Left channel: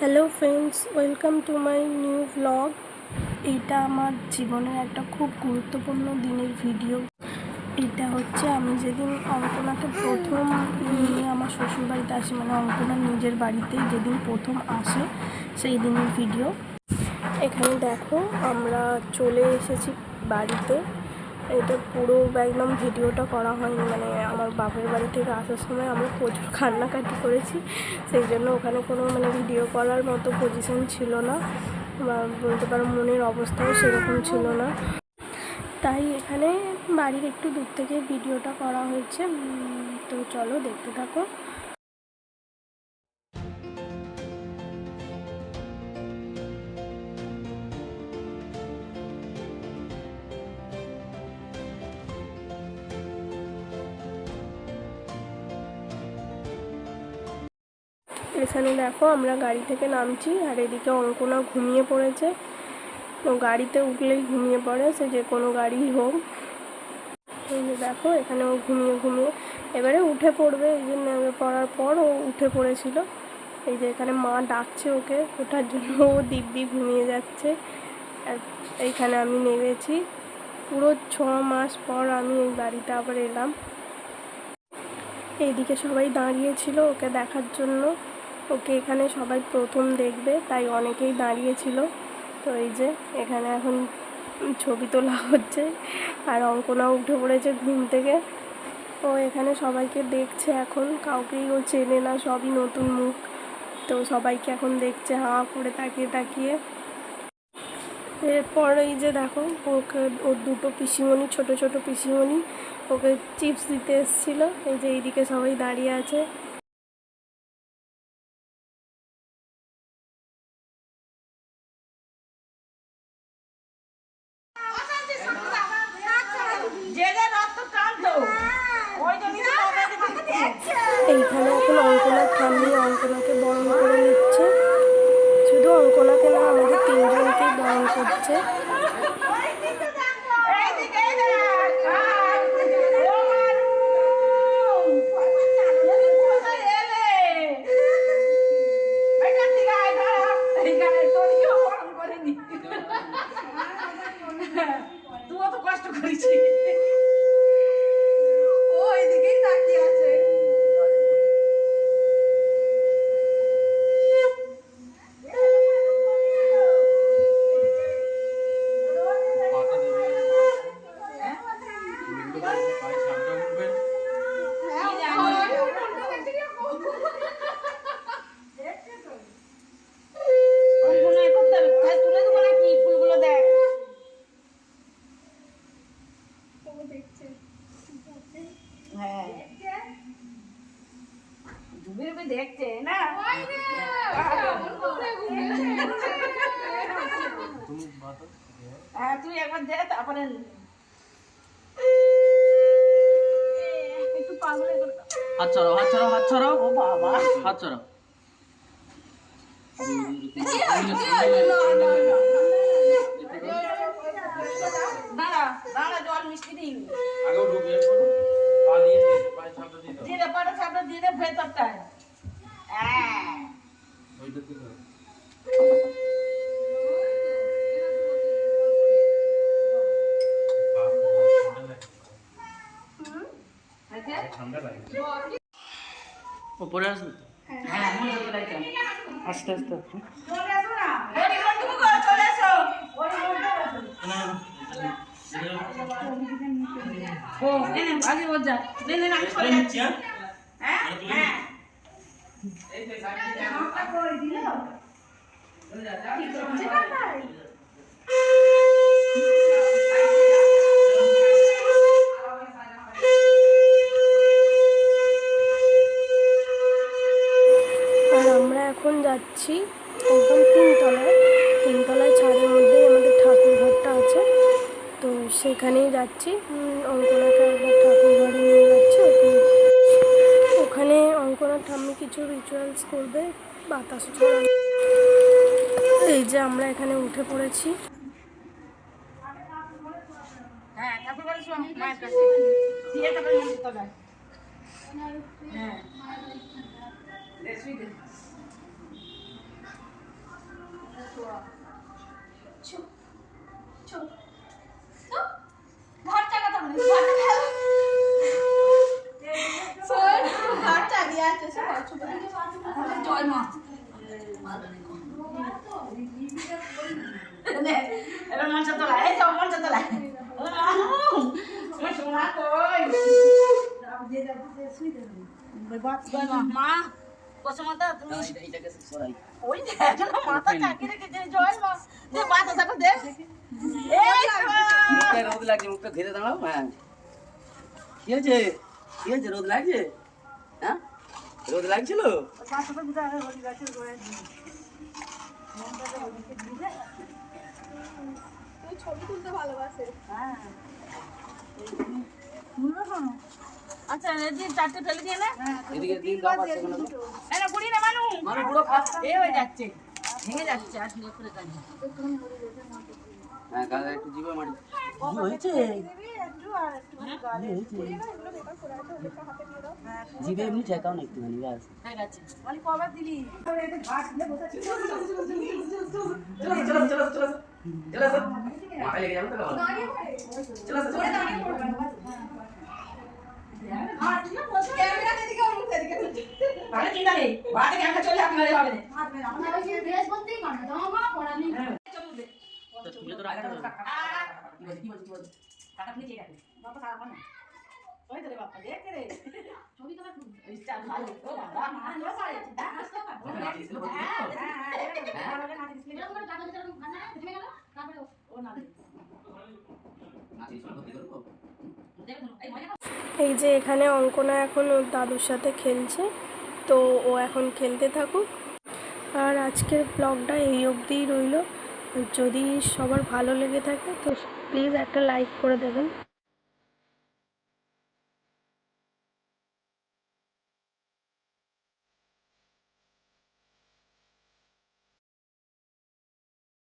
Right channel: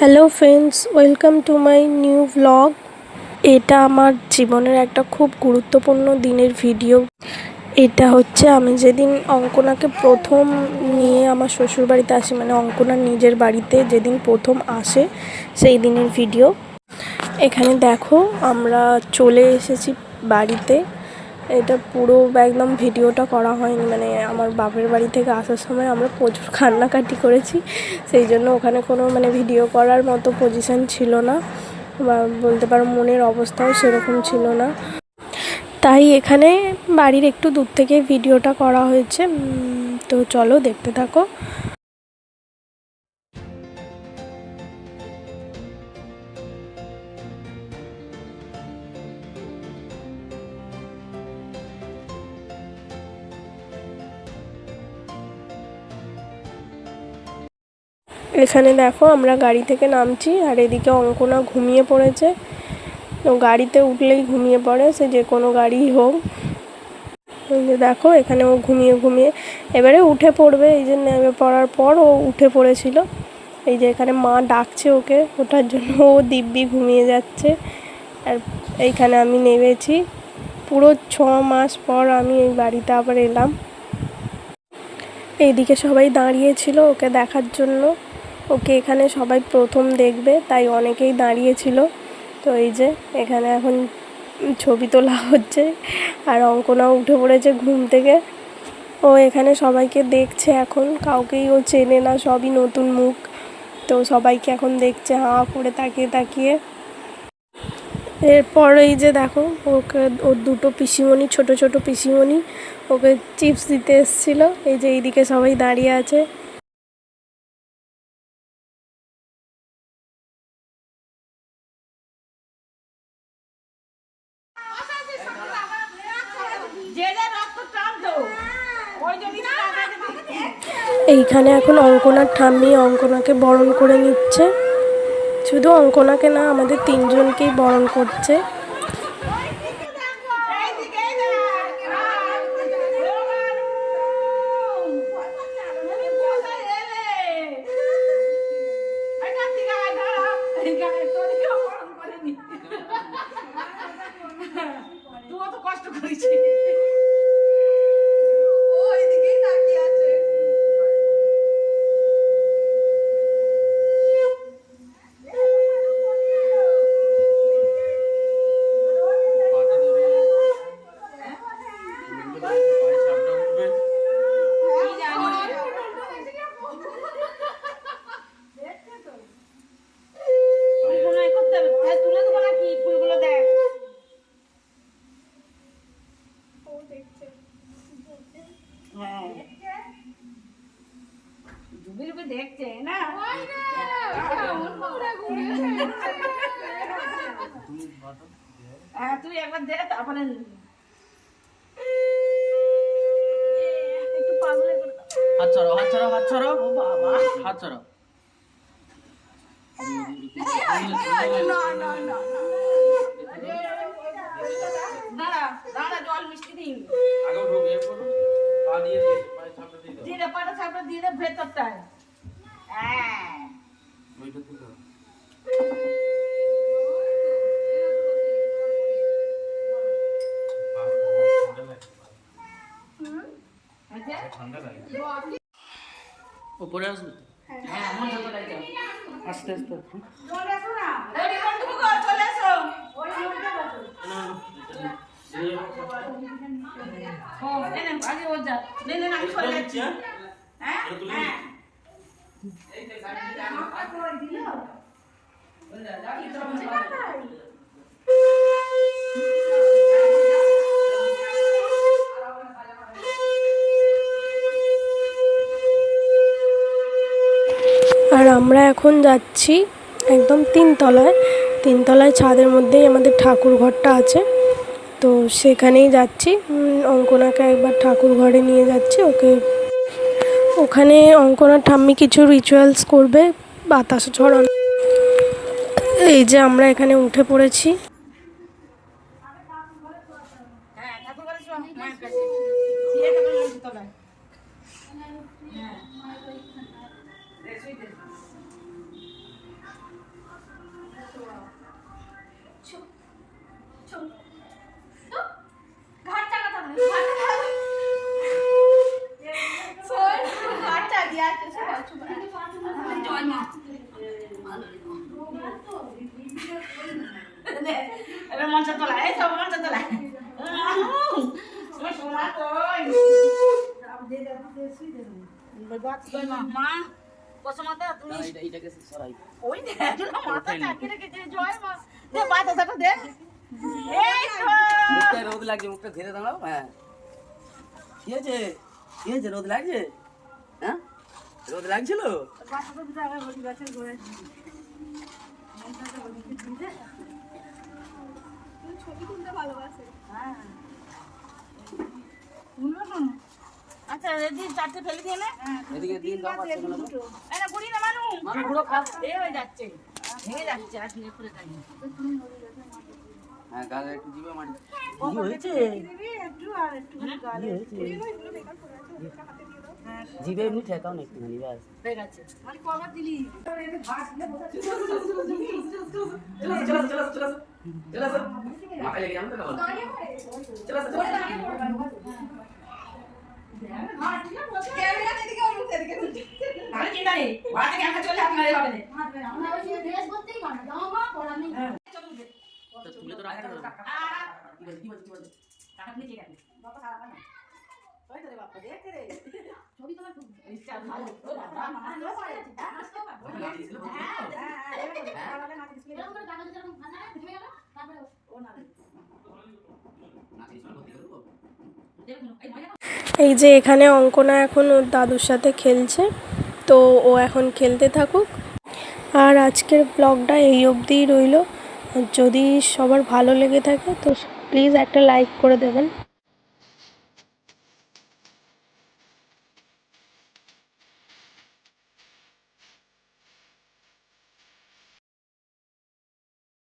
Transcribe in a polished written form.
Hello friends, welcome to my new vlog. এটা আমার জীবনের একটা খুব গুরুত্বপূর্ণ দিনের ভিডিও। এটা হচ্ছে আমি যেদিন অঙ্কনাকে প্রথম নিয়ে আমার শ্বশুরবাড়িতে আসি, মানে অঙ্কনার নিজের বাড়িতে যেদিন প্রথম আসে সেই দিনের ভিডিও। এখানে দেখো আমরা চলে এসেছি বাড়িতে। এটা পুরো একদম ভিডিওটা করা হয়নি, মানে আমার বাপের বাড়ি থেকে আসার সময় আমরা প্রচুর কান্নাকাটি করেছি, সেই জন্য ওখানে কোনো ভিডিও করার মতো পজিশন ছিল না, বা বলতে পারো মনের অবস্থাও সেরকম ছিল না। তাই এখানে বাড়ির একটু দূর থেকে ভিডিওটা করা হয়েছে। তো চলো দেখতে থাকো। এখানে দেখো আমরা গাড়ি থেকে নামছি, আর এদিকে অঙ্কনা ঘুমিয়ে পড়েছে। তো গাড়িতে উঠলেই ঘুমিয়ে পড়ে, সে যে কোনো গাড়িই হোক। এই যে দেখো এখানে ও ঘুমিয়ে ঘুমিয়ে এবারে উঠে পড়বে। এই যে নেমে পড়ার পর ও উঠে পড়েছিল। এই যে এখানে মা ডাকছে ওকে ওঠার জন্য, ও দিব্যি ঘুমিয়ে যাচ্ছে। আর এইখানে আমি নেমেছি, পুরো 6 মাস পর আমি এই বাড়িতে আবার এলাম। এইদিকে সবাই দাঁড়িয়েছিল ওকে দেখার জন্য, ওকে এখানে সবাই প্রথম দেখবে, তাই অনেকেই দাঁড়িয়েছিল। তো এই যে এখানে এখন ছবি তোলা হচ্ছে, আর অঙ্কনাও উঠে পড়েছে ঘুম থেকে। ও এখানে সবাইকে দেখছে, এখন কাউকেই ও চেনে না, সবই নতুন মুখ। তো সবাইকে এখন দেখছে হাঁ করে তাকিয়ে তাকিয়ে। এরপর এই যে দেখো ওকে ওর দুটো পিসিমণি, ছোট ছোট পিসিমণি ওকে চিপস দিতে এসেছিলো। এই যে এইদিকে সবাই দাঁড়িয়ে আছে। এইখানে এখন অঙ্কনার ঠাম্মি অঙ্কনাকে বরণ করে নিচ্ছে। শুধু অঙ্কনাকে না, আমাদের তিনজনকেই বরণ করছে। দেখছে না তুই একবার দে, তারপরে হাত ছাড়ো, হাত ছাড়ো, হাত ছাড়ো। ও বাবা, হাত ছাড়ো। দাঁড়া দাঁড়া, জল মিষ্টি দিন আগেও ঢুকিয়ে পড়ো, পা দিয়ে দে, পায়ে ছাপটা দিয়ে দাও। দিয়ে দে, পাটা সাপটা দিয়ে দে ভেতরটায়। হ্যাঁ ওইটা দিয়ে দাও। ঠান্ডা লাগে, উপরে আসবে তো। হ্যাঁ আস্তে আস্তে চলে এসো না, ওই বন্ধু গো চলে এসো, ওই ও এনে আগে ও যা, নে নে আমি সরে যাচ্ছি। হ্যাঁ হ্যাঁ এই যে সাইডে আমাকে কই দিলো ওই যা যা কি করছে কাটাই। আর আমরা এখন যাচ্ছি একদম তিনতলায় ছাদের মধ্যেই আমাদের ঠাকুর ঘরটা আছে। তো সেখানেই যাচ্ছি, অঙ্কনাকে একবার ঠাকুর ঘরে নিয়ে যাচ্ছি ওকে। ওখানে অঙ্কনার ঠাম্মি কিছু রিচুয়ালস করবে, বাতাস ছড়ানো। এই যে আমরা এখানে উঠে পড়েছি। হ্যাঁ ঠাকুর ঘরে শো, হ্যাঁ কাছে দিয়ে ঠাকুর মন্দির তবে। হ্যাঁ দে শুই দে। জয় মা এবার মঞ্চে তোলা এই সব মঞ্চে তোলা সোনা কই জয় মা মা কসমাতা তুমি এইটাকে সরাই ওই দেখ না মাথা চাকিয়ে রেখেছে জয় মা দে মাথা চাকা দে এই মুখটা রোদ লাগছে মুখটা ধীরে দাঁড়াও হ্যাঁ কি হয়েছে রোদ লাগছে হ্যাঁ রোদ লাগছিল আচ্ছা রেডি চারটে ফেলে দিয়ে না এদিকে দিন দাও পাচ্ছে কেন এই না বুড়ি না মানু মানুষ বুড়ো খা এ হয়ে যাচ্ছে ভেঙে যাচ্ছে আর শুনে করে কাজ হ্যাঁ গালে একটু জিভে মারি কি হয়েছে জিভে এমনি ঠেকাও না একটুখানি ব্যাস হয়ে গেছে মানে কবার দিলি মাথায় লেগে যাবে তো কেমন তাহলে কি জানি বাড়িতে ক্যামেরা চলে হাত মারে হবে তো তুলে তো রাখতে হবে কি বলছিস টাকা আপনি চেয়ে রাখেন বাবা খারাপ না ওই তো রে বাবা দেখ রে ছবি তোমার ইচ্ছা ভালো ও বাবা আমার না পারে নাস্তা পারে এই যে এখানে অঙ্কনা এখন ওর দাদুর সাথে খেলছে, তো ও এখন খেলতে থাকুক। আর আজকের ব্লগটা এই অবধিই রইল। যদি সবার ভালো লেগে থাকে তো প্লিজ একটা লাইক করে দেবেন।